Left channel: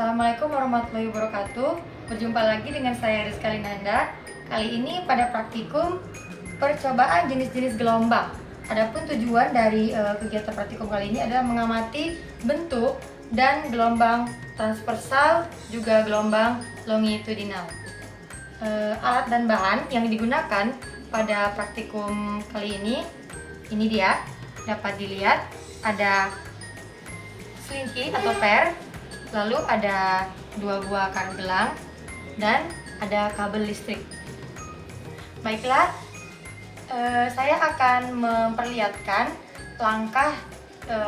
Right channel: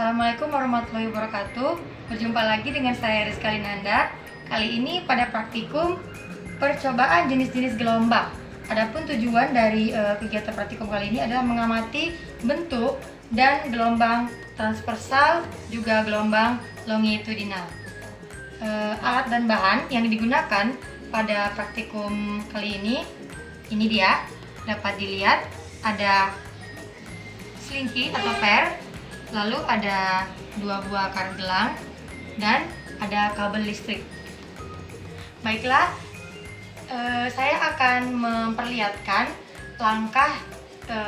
Assalamualaikum warahmatullahi wabarakatuh. Berjumpa lagi dengan saya Rizka Linanda. Kali ini pada praktikum percobaan jenis-jenis gelombang. Adapun tujuan dari kegiatan praktikum kali ini adalah mengamati bentuk dan gelombang transversal juga gelombang longitudinal. Alat dan bahan yang digunakan pada praktikum kali ini dia dapat dilihat ada selingki atau per, lalu ada 2 buah karet gelang, dan ada kabel listrik. Baiklah, saya akan memperlihatkan langkah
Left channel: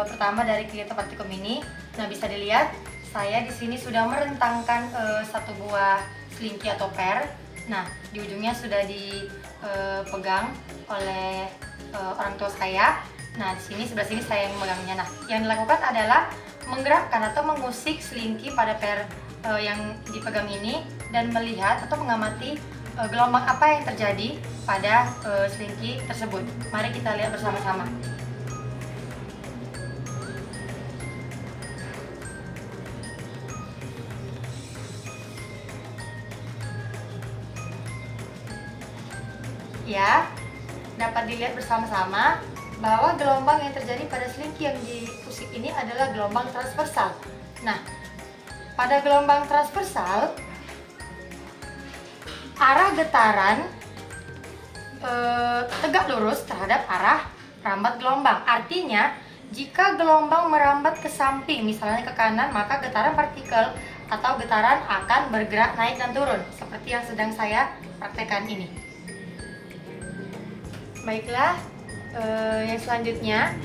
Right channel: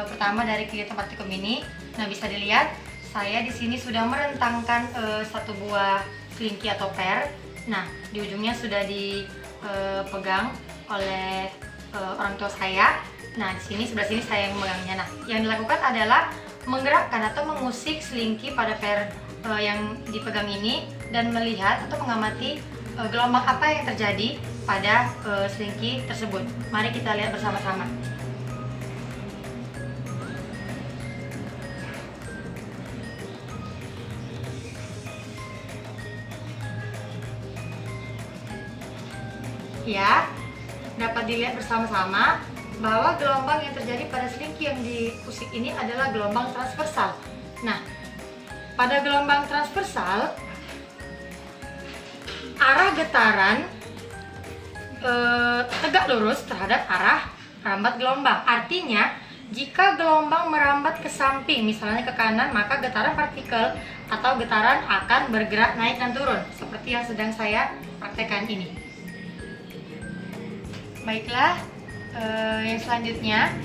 pertama dari kegiatan praktikum ini. Nah, bisa dilihat saya di sini sudah merentangkan 1 buah selingki atau per. Nah, di ujungnya sudah dipegang oleh orang tua saya. Nah, di sini sebelah sini saya yang memegangnya. Nah, yang dilakukan adalah menggerakkan atau mengusik selingki pada per yang dipegang ini dan melihat atau mengamati gelombang apa yang terjadi pada selingki tersebut. Mari kita lihat bersama-sama. Ya, dapat dilihat bersama-sama bahwa gelombang yang terjadi pada selingki yang diusik ini adalah gelombang transversal. Nah, pada gelombang transversal, arah getaran tegak lurus terhadap arah merambat gelombang. Artinya, jika gelombang merambat ke samping, misalnya ke kanan, maka getaran partikel atau getaran akan bergerak naik dan turun, seperti yang sedang saya praktekkan ini. Baiklah, yang selanjutnya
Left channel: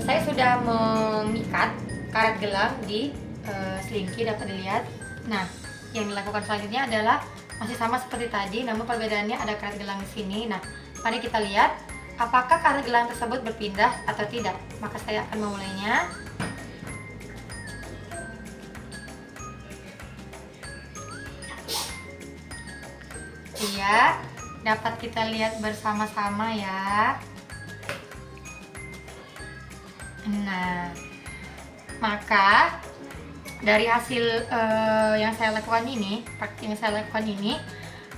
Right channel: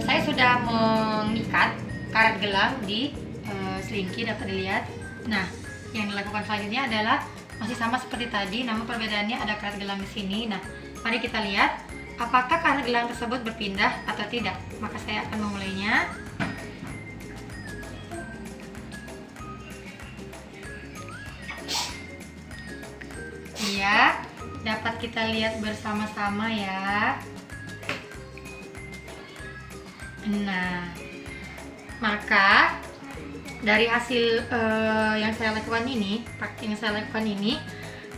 saya sudah mengikat karet gelang di selingki, dapat dilihat. Nah, yang dilakukan selanjutnya adalah masih sama seperti tadi, namun perbedaannya ada karet gelang di sini. Nah, mari kita lihat apakah karet gelang tersebut berpindah atau tidak. Maka saya akan memulainya. Iya, dapat kita lihat bersama-sama ya. Nah, maka dari hasil yang saya lakukan ini,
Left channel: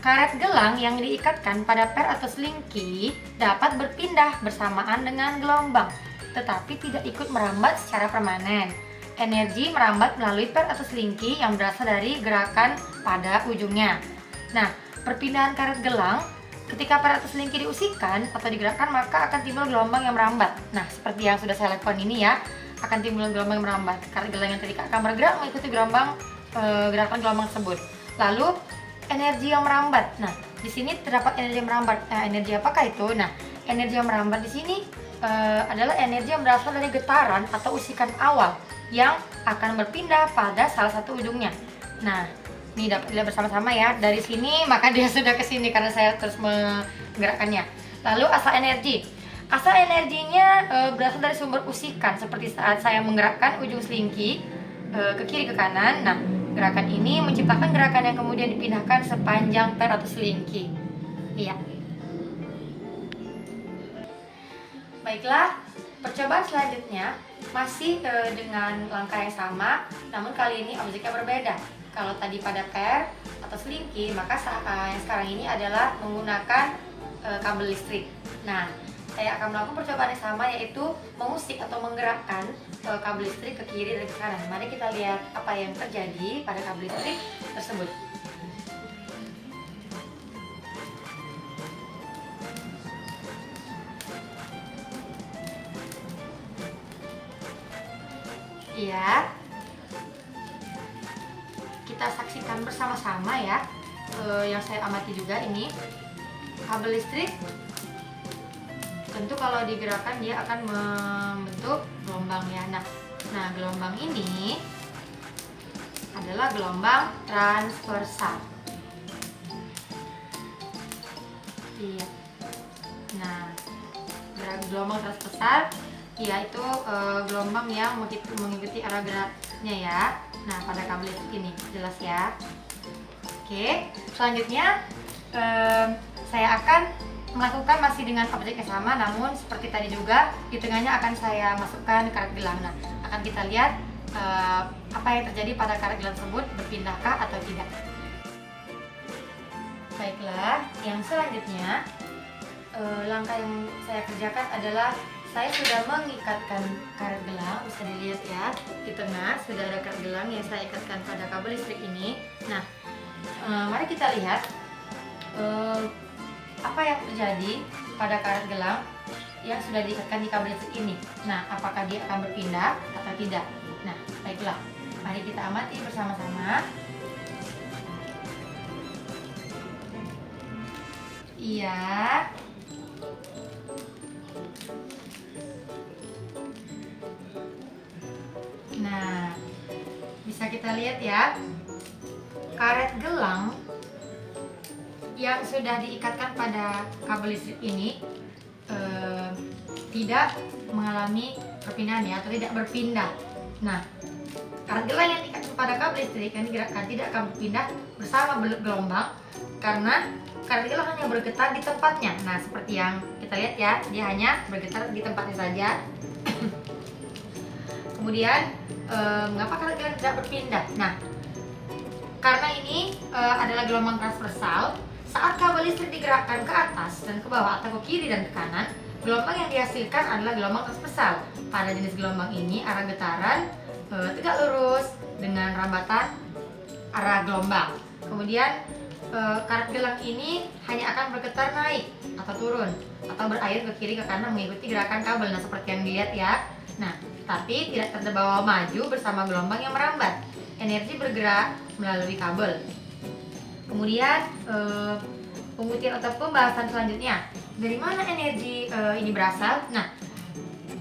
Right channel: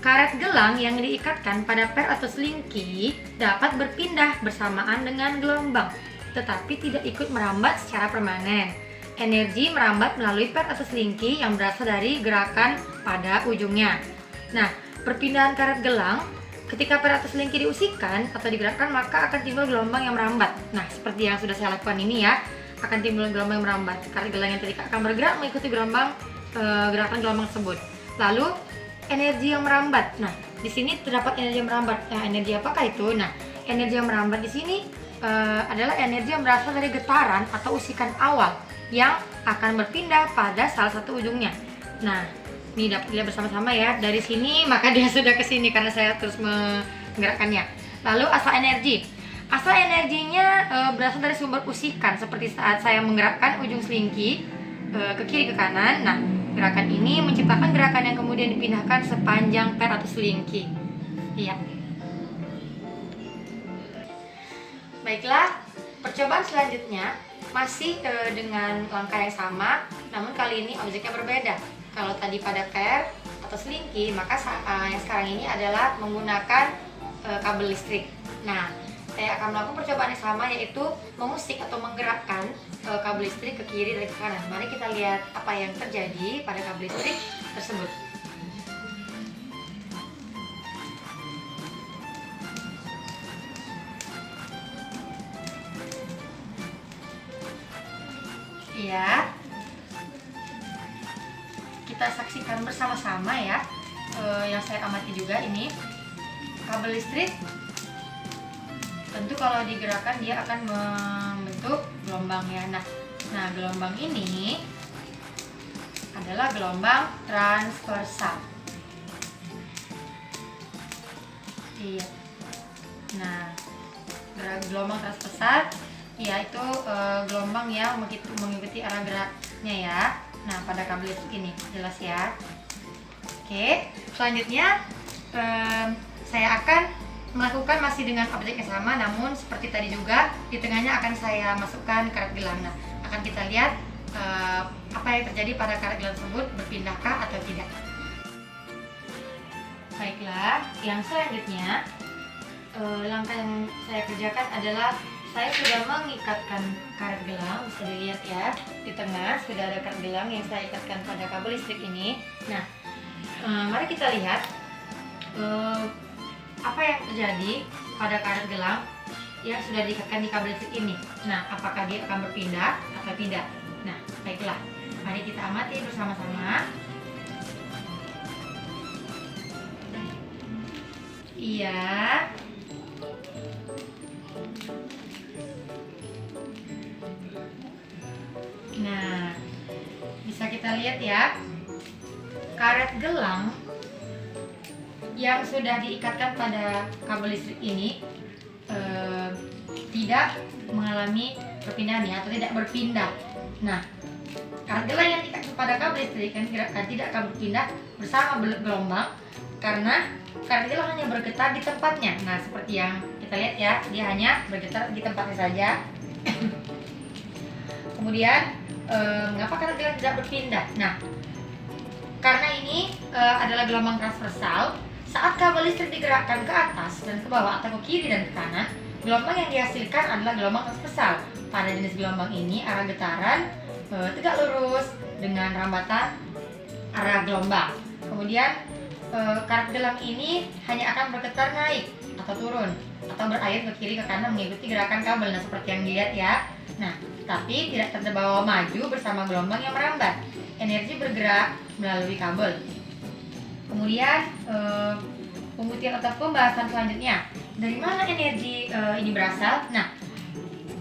karet gelang yang diikatkan pada per atau selingki dapat berpindah bersamaan dengan gelombang, tetapi tidak ikut merambat secara permanen. Energi merambat melalui per atau selingki yang berasal dari gerakan pada ujungnya. Nah, perpindahan karet gelang ketika per atau selingki diusikkan atau digerakkan, maka akan timbul gelombang yang merambat. Nah, seperti yang sudah saya lakukan ini ya, akan timbul gelombang yang merambat. Karet gelang yang tadi akan bergerak mengikuti gerakan gelombang tersebut. Lalu energi yang merambat. Nah, di sini terdapat energi yang merambat. Energi apakah itu? Nah, energi yang merambat di sini adalah energi yang berasal dari getaran atau usikan awal yang akan berpindah pada salah satu ujungnya. Nah, ini dapat dilihat bersama-sama ya. Dari sini maka dia sudah ke sini karena saya terus menggerakkannya. Lalu asal energi. Asal energinya berasal dari sumber usikan, seperti saat saya menggerakkan ujung selingki ke kiri ke kanan. Nah, gerakan ini menciptakan gerakan yang kemudian dipindahkan sepanjang per atau selingki. Iya. Baiklah, percobaan selanjutnya masih dengan langkah yang sama, namun kali ini objeknya berbeda. Kalau tadi pada per atau selingki, maka yang sekarang ini adalah menggunakan kabel listrik. Nah, saya akan melakukan percobaan yang sama, yaitu mengusik atau menggerakkan kabel listrik ke kiri dan ke kanan. Mari kita lihat apa yang terjadi pada kabel listrik tersebut. Iya, kita saksikan bersama-sama ya. Yang saya amati juga ini kabel listrik, tentu kalau digerakkan dia akan membentuk gelombang ya. Nah, gelombang ini adalah gelombang transversal. Iya. Nah, gelombang transversal yaitu gelombang yang mengikuti arah geraknya ya. Nah, pada kabel listrik ini jelas ya. Oke, selanjutnya saya akan melakukan masih dengan objek yang sama, namun seperti tadi juga di tengahnya akan saya masukkan karet gelang. Nah, akan kita lihat apa yang terjadi pada karet gelang tersebut, berpindahkah atau tidak. Baiklah, yang selanjutnya langkah yang saya kerjakan adalah saya sudah mengikatkan karet gelang. Bisa dilihat ya, di tengah sudah ada karet gelang yang saya ikatkan pada kabel listrik ini. Nah, mari kita lihat apa yang terjadi pada karet gelang yang sudah diikatkan di kabel listrik ini. Nah, apakah dia akan berpindah atau tidak? Nah, baiklah, mari kita amati bersama-sama. Iya. Nah, bisa kita lihat ya, karet gelang yang sudah diikatkan pada kabel listrik ini tidak mengalami perpindahan ya, atau tidak berpindah. Nah, karet gelang yang diikatkan pada kabel listrik kan tidak akan berpindah bersama gelombang karena karet gelang hanya bergetar di tempatnya. Nah, seperti yang kita lihat ya, dia hanya bergetar di tempatnya saja. Kemudian, mengapa karet gelang tidak berpindah? Nah, karena ini adalah gelombang transversal. Saat kabel listrik digerakkan ke atas dan ke bawah atau ke kiri dan ke kanan, gelombang yang dihasilkan adalah gelombang transversal. Pada jenis gelombang ini, arah getaran tegak lurus dengan rambatan arah gelombang. Kemudian, karet gelang ini hanya akan bergetar naik atau turun atau berayun ke kiri ke kanan mengikuti gerakan kabel. Nah, seperti yang dilihat ya. Nah, tapi tidak terbawa maju bersama gelombang yang merambat. Energi bergerak melalui kabel. Kemudian pembuktian atau pembahasan selanjutnya, dari mana energi ini berasal? Nah,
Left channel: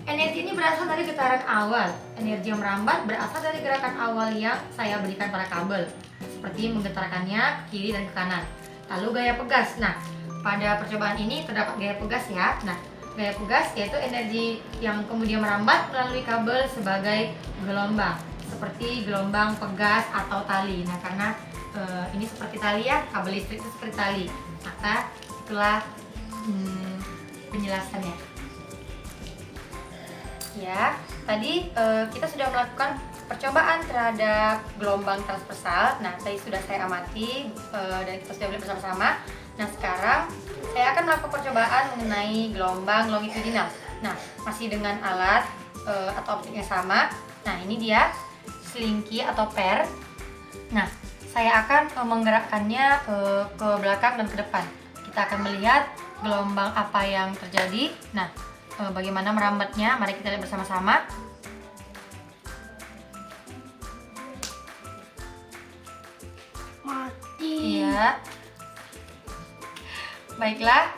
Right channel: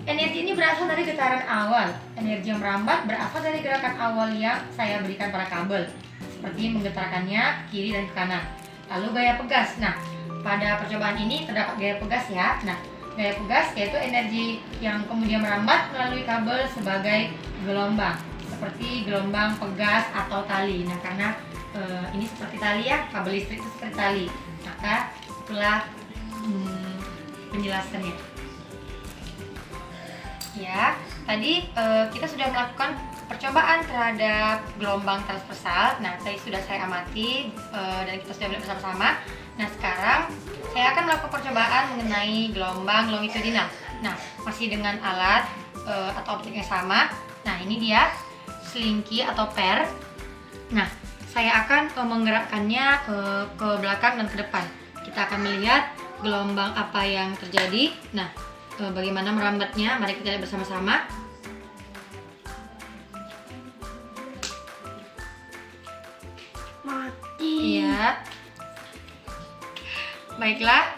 energi ini berasal dari getaran awal. Energi yang merambat berasal dari gerakan awal yang saya berikan pada kabel, seperti menggetarkannya ke kiri dan ke kanan. Lalu gaya pegas. Nah, pada percobaan ini terdapat gaya pegas ya. Nah, gaya pegas yaitu energi yang kemudian merambat melalui kabel sebagai gelombang, seperti gelombang pegas atau tali. Nah, karena ini seperti tali ya, kabel listrik itu seperti tali, maka itulah penjelasannya. Ya, tadi kita sudah melakukan percobaan terhadap gelombang transversal. Nah, tadi sudah saya amati dan kita sudah melihat bersama-sama. Nah, sekarang saya akan melakukan percobaan mengenai gelombang longitudinal. Nah, masih dengan alat atau objek yang sama. Nah, ini dia selingki atau per. Nah, saya akan menggerakkannya ke belakang dan ke depan. Kita akan melihat gelombang apa yang terjadi. Nah, bagaimana merambatnya, mari kita lihat bersama-sama. Mati. Ya. Baiklah.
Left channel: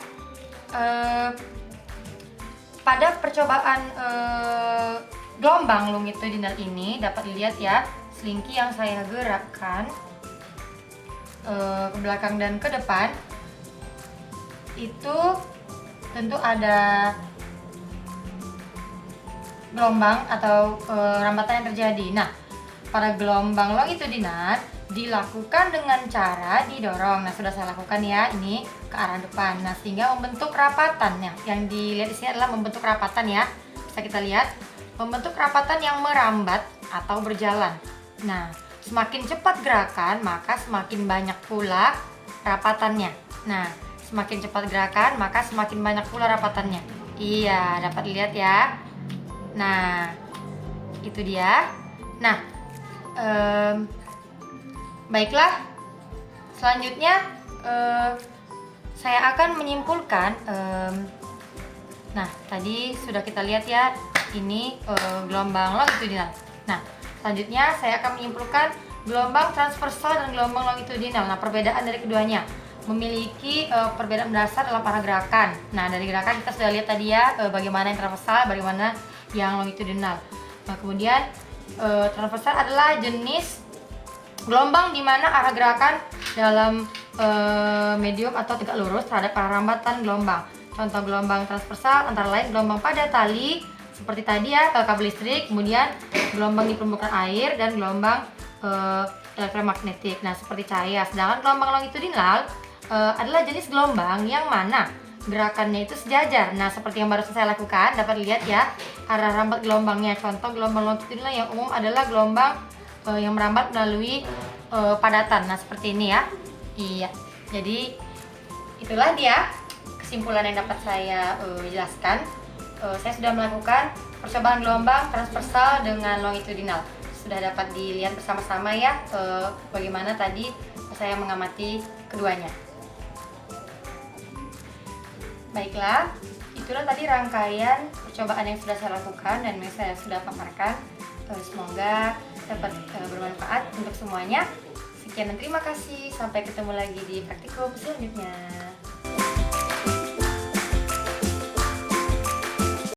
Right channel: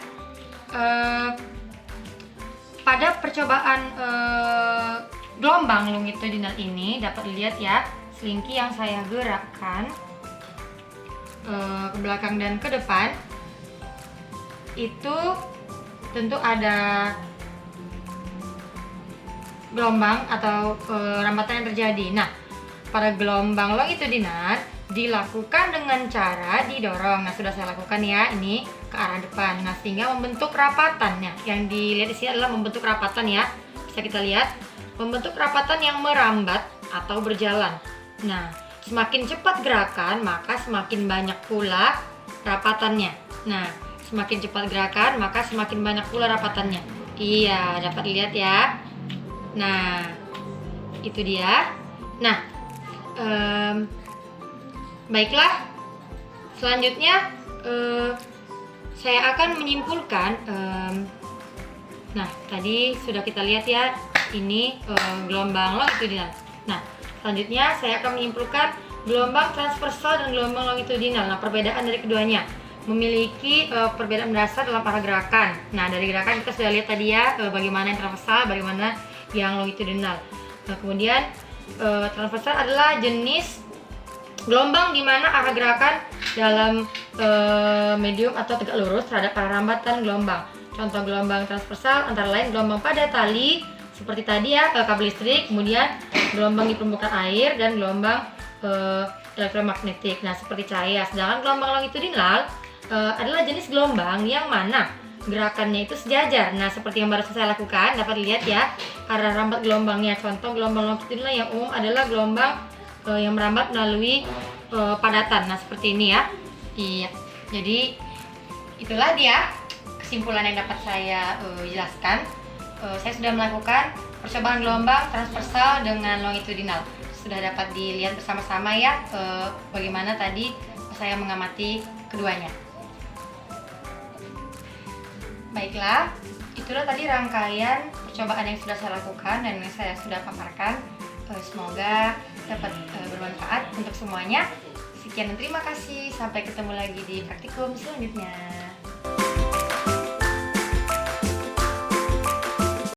Pada percobaan gelombang longitudinal ini dapat dilihat ya, selingki yang saya gerakkan ke belakang dan ke depan itu tentu ada gelombang atau rambatan yang terjadi. Nah, pada gelombang longitudinal dilakukan dengan cara didorong. Nah, sudah saya lakukan ya, ini ke arah depan. Nah, sehingga membentuk rapatan. Nah, yang dilihat di sini adalah membentuk rapatan ya. Bisa kita lihat membentuk rapatan yang merambat atau berjalan. Nah, semakin cepat gerakan, maka semakin banyak pula rapatannya. Nah, semakin cepat gerakan, maka semakin banyak pula rapatannya. Iya, dapat dilihat ya. Nah, itu dia. Nah, baiklah. Selanjutnya, saya akan menyimpulkan. Nah, tadi sudah kita lihat ya, ini gelombang longitudinal. Nah, selanjutnya saya akan menyimpulkan gelombang transversal dan gelombang longitudinal. Nah, perbedaan dari keduanya memiliki perbedaan mendasar dalam arah gerakan. Nah, dari gerakan kita sudah lihat tadi ya, bagaimana yang transversal, bagaimana yang longitudinal. Nah, kemudian transversal adalah jenis gelombang di mana arah gerakan dalam medium atau tegak lurus terhadap arah rambatan gelombang. Contoh gelombang transversal antara lain gelombang pada tali seperti tadi ya, kabel listrik, kemudian gelombang di permukaan air dan gelombang elektromagnetik. Nah, seperti cahaya. Sedangkan gelombang longitudinal adalah jenis gelombang yang mana gerakannya itu sejajar. Nah, seperti yang baru saya lakukan, dapat lihat ya arah rambat gelombangnya. Contoh gelombang longitudinal yang umum adalah gelombang yang merambat melalui padatan. Nah, seperti ini ya. Iya. Jadi itulah dia kesimpulan yang dapat saya jelaskan. Saya sudah melakukan percobaan gelombang transversal dengan longitudinal. Sudah dapat dilihat bersama-sama ya bagaimana tadi saya mengamati keduanya. Baiklah, itulah tadi rangkaian percobaan yang sudah saya lakukan dan yang saya sudah paparkan. Semoga dapat bermanfaat untuk semuanya. Sekian dan terima kasih. Sampai ketemu lagi di praktikum selanjutnya.